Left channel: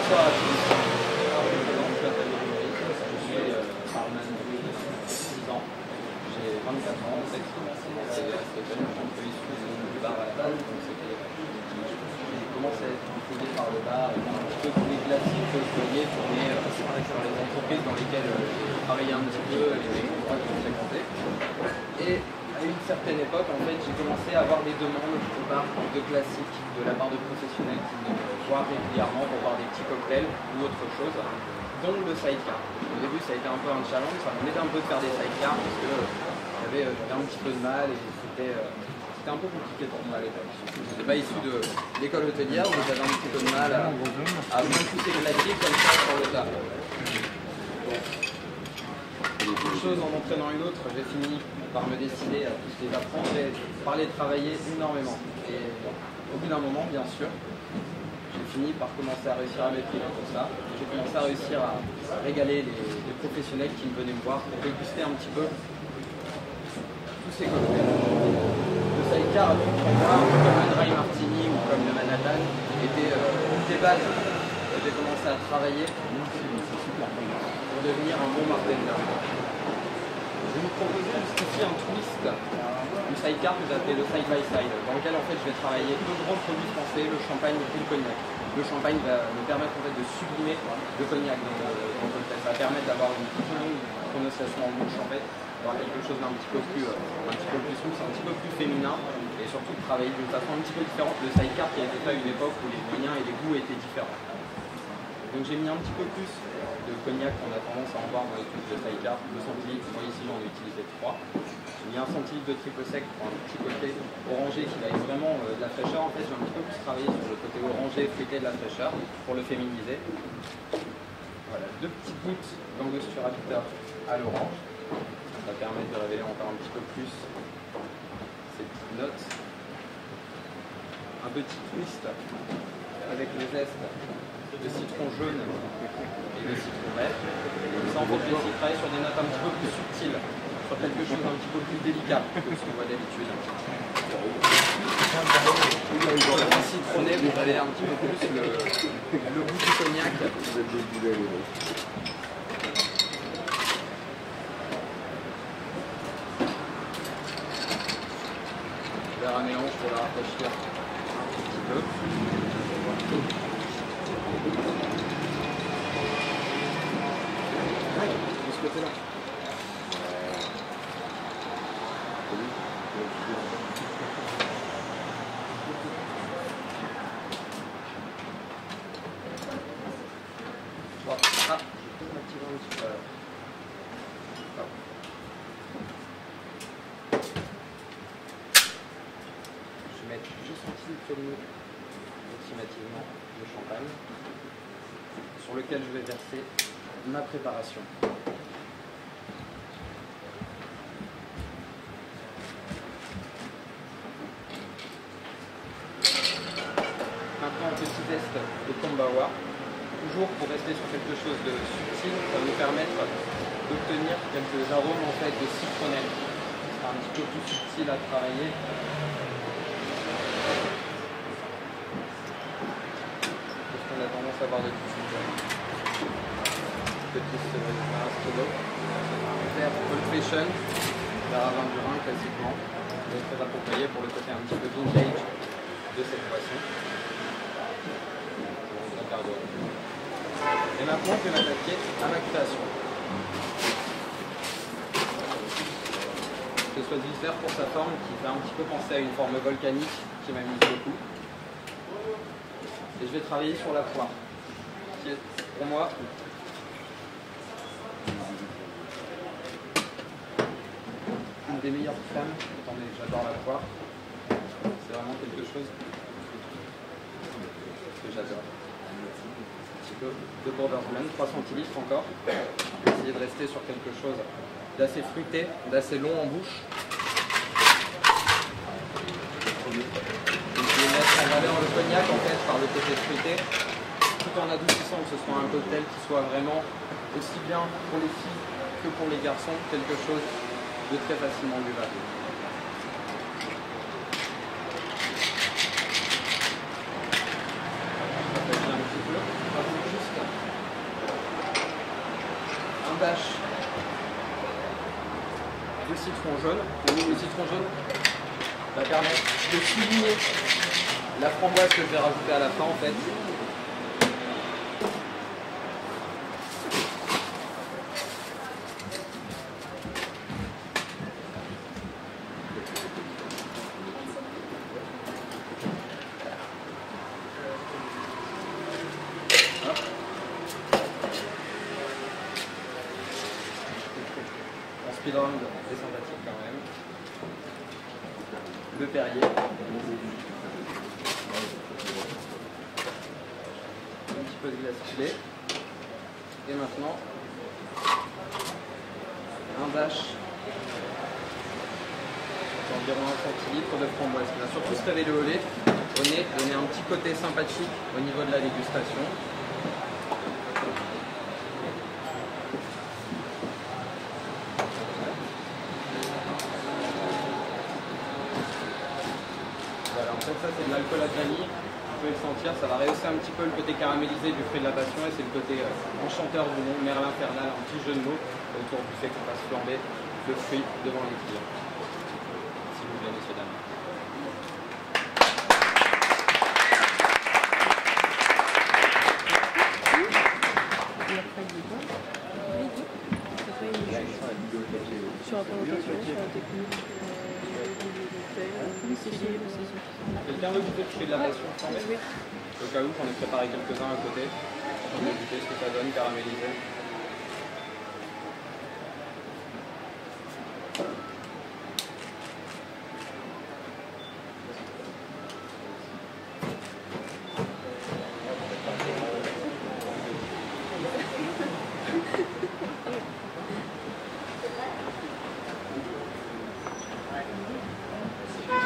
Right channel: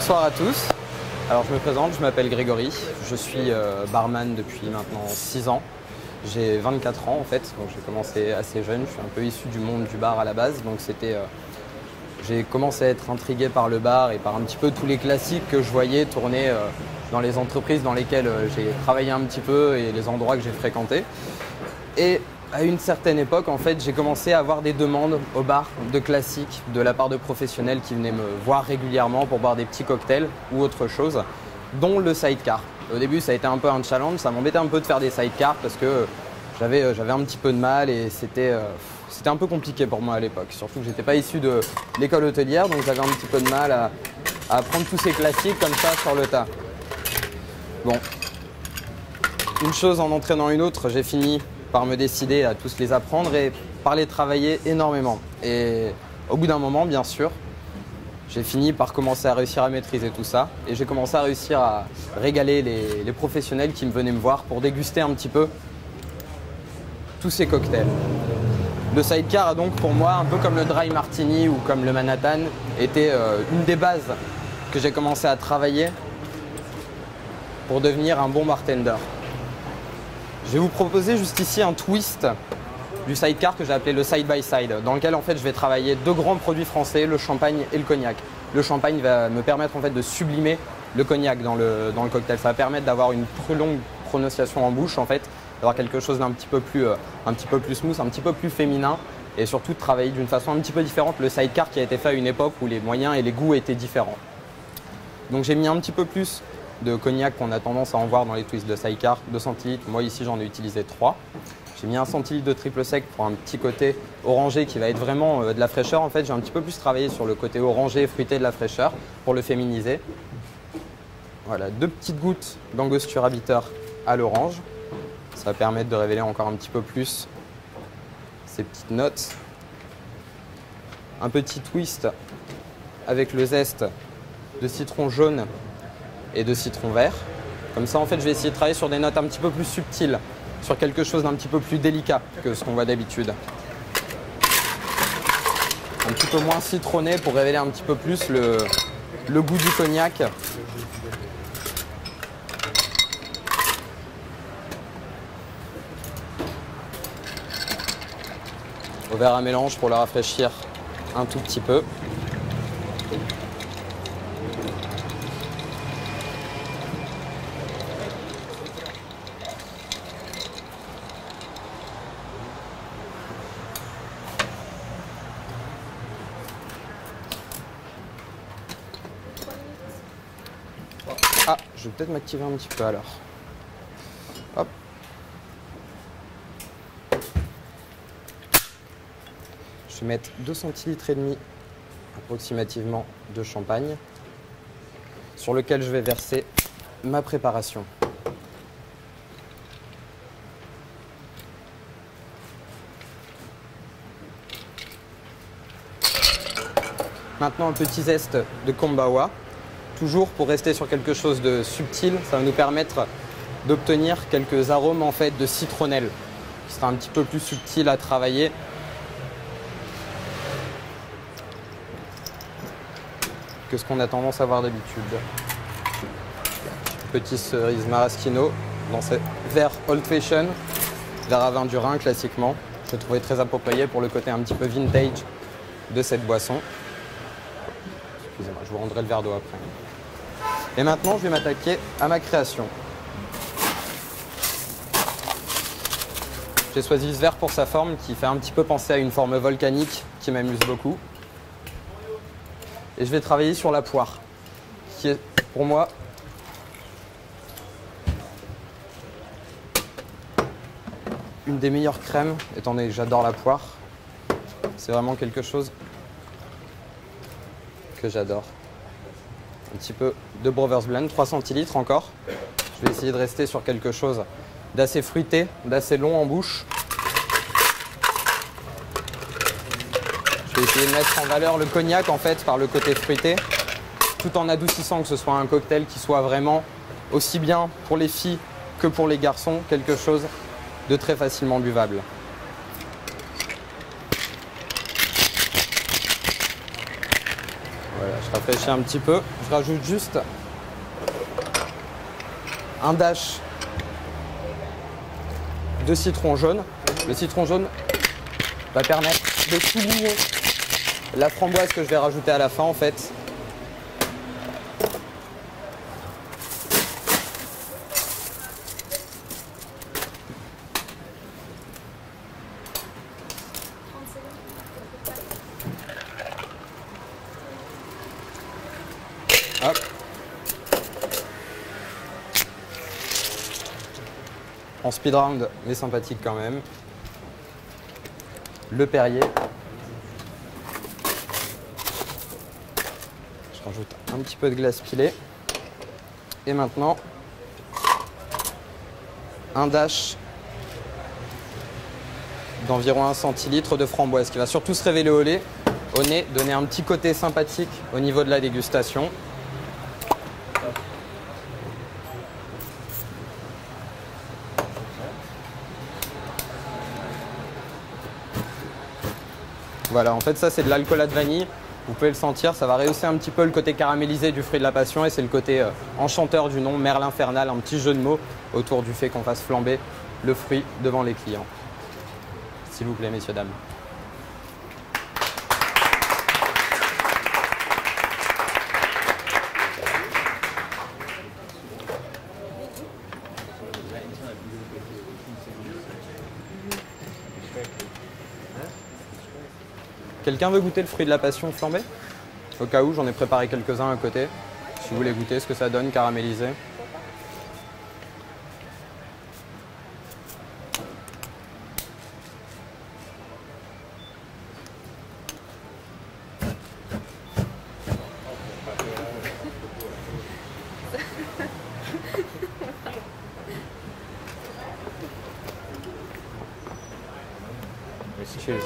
Bonsoir à tous. Alors je me présente, je m'appelle Grégory. Je suis barman depuis maintenant 6 ans. J'ai 24 ans en fait, donc j'ai commencé assez jeune. Je suis un peu issu du monde du bar à la base, donc j'ai commencé à être intrigué par le bar et par un petit peu tous les classiques que je voyais tourner dans les entreprises dans lesquelles j'ai travaillé un petit peu et les endroits que j'ai fréquentés. Et à une certaine époque, en fait, j'ai commencé à avoir des demandes au bar de classiques de la part de professionnels qui venaient me voir régulièrement pour boire des petits cocktails ou autre chose, dont le sidecar. Au début, ça a été un peu un challenge, ça m'embêtait un peu de faire des sidecars parce que j'avais un petit peu de mal et c'était un peu compliqué pour moi à l'époque. Surtout que j'étais pas issu de l'école hôtelière, donc j'avais un petit peu de mal à apprendre tous ces classiques comme ça sur le tas. Bon, une chose en entraînant une autre, j'ai fini par me décider à tous les apprendre et par les travailler énormément. Et au bout d'un moment, bien sûr, j'ai fini par commencer à réussir à maîtriser tout ça. Et j'ai commencé à réussir à régaler les professionnels qui venaient me voir pour déguster un petit peu tous ces cocktails. Le sidecar a donc pour moi, un peu comme le dry martini ou comme le Manhattan, était une des bases que j'ai commencé à travailler pour devenir un bon bartender. Je vais vous proposer juste ici un twist du sidecar que j'ai appelé le side by side, dans lequel en fait je vais travailler deux grands produits français, le champagne et le cognac. Le champagne va me permettre en fait de sublimer le cognac dans le cocktail. Ça va permettre d'avoir une trop longue prononciation en bouche en fait, d'avoir quelque chose d'un petit peu plus smooth, un petit peu plus féminin et surtout de travailler d'une façon un petit peu différente. Le sidecar qui a été fait à une époque où les moyens et les goûts étaient différents. Donc j'ai mis un petit peu plus de cognac qu'on a tendance à en voir dans les twists de sidecar, 2 centilitres. Moi ici j'en ai utilisé 3. J'ai mis 1 centilitre de triple sec pour un petit côté orangé qui va être vraiment de la fraîcheur. En fait j'ai un petit peu plus travaillé sur le côté orangé et fruité de la fraîcheur pour le féminiser. Voilà, 2 petites gouttes d'angostura bitter à l'orange. Ça va permettre de révéler encore un petit peu plus ces petites notes. Un petit twist avec le zeste de citron jaune et de citron vert. Comme ça, en fait, je vais essayer de travailler sur des notes un petit peu plus subtiles, sur quelque chose d'un petit peu plus délicat que ce qu'on voit d'habitude. Un petit peu moins citronné pour révéler un petit peu plus le goût du cognac. Au verre à mélange pour le rafraîchir un tout petit peu. Ah, je vais peut-être m'activer un petit peu alors. Hop. Je vais mettre 2 centilitres et demi approximativement de champagne sur lequel je vais verser ma préparation. Maintenant un petit zeste de kombawa, toujours pour rester sur quelque chose de subtil, ça va nous permettre d'obtenir quelques arômes en fait de citronnelle. Ce sera un petit peu plus subtil à travailler. Que ce qu'on a tendance à voir d'habitude. Petit cerise maraschino dans ce verre Old Fashion d'Aravin du Rhin classiquement. Je trouvais très approprié pour le côté un petit peu vintage de cette boisson. Je vous rendrai le verre d'eau après. Et maintenant, je vais m'attaquer à ma création. J'ai choisi ce verre pour sa forme qui fait un petit peu penser à une forme volcanique qui m'amuse beaucoup. Et je vais travailler sur la poire, qui est pour moi une des meilleures crèmes, étant donné que j'adore la poire. C'est vraiment quelque chose que j'adore. Un petit peu de Brothers Blend, 3 centilitres encore. Je vais essayer de rester sur quelque chose d'assez fruité, d'assez long en bouche. Je vais essayer de mettre en valeur le cognac en fait par le côté fruité, tout en adoucissant que ce soit un cocktail qui soit vraiment aussi bien pour les filles que pour les garçons, quelque chose de très facilement buvable. Voilà, je rafraîchit un petit peu. Je rajoute juste un dash de citron jaune. Le citron jaune va permettre de souligner la framboise que je vais rajouter à la fin en fait. Hop. En speed round, mais sympathique quand même. Le Perrier. Je rajoute un petit peu de glace pilée. Et maintenant, un dash d'environ 1 centilitre de framboise qui va surtout se révéler au nez, donner un petit côté sympathique au niveau de la dégustation. Voilà, en fait ça c'est de l'alcoolade vanille, vous pouvez le sentir, ça va rehausser un petit peu le côté caramélisé du fruit de la passion et c'est le côté enchanteur du nom, Merle infernal, un petit jeu de mots autour du fait qu'on fasse flamber le fruit devant les clients. S'il vous plaît, messieurs, dames. Quelqu'un veut goûter le fruit de la passion flambé? Au cas où, j'en ai préparé quelques-uns à côté. Si vous voulez goûter ce que ça donne caramélisé. Cheers.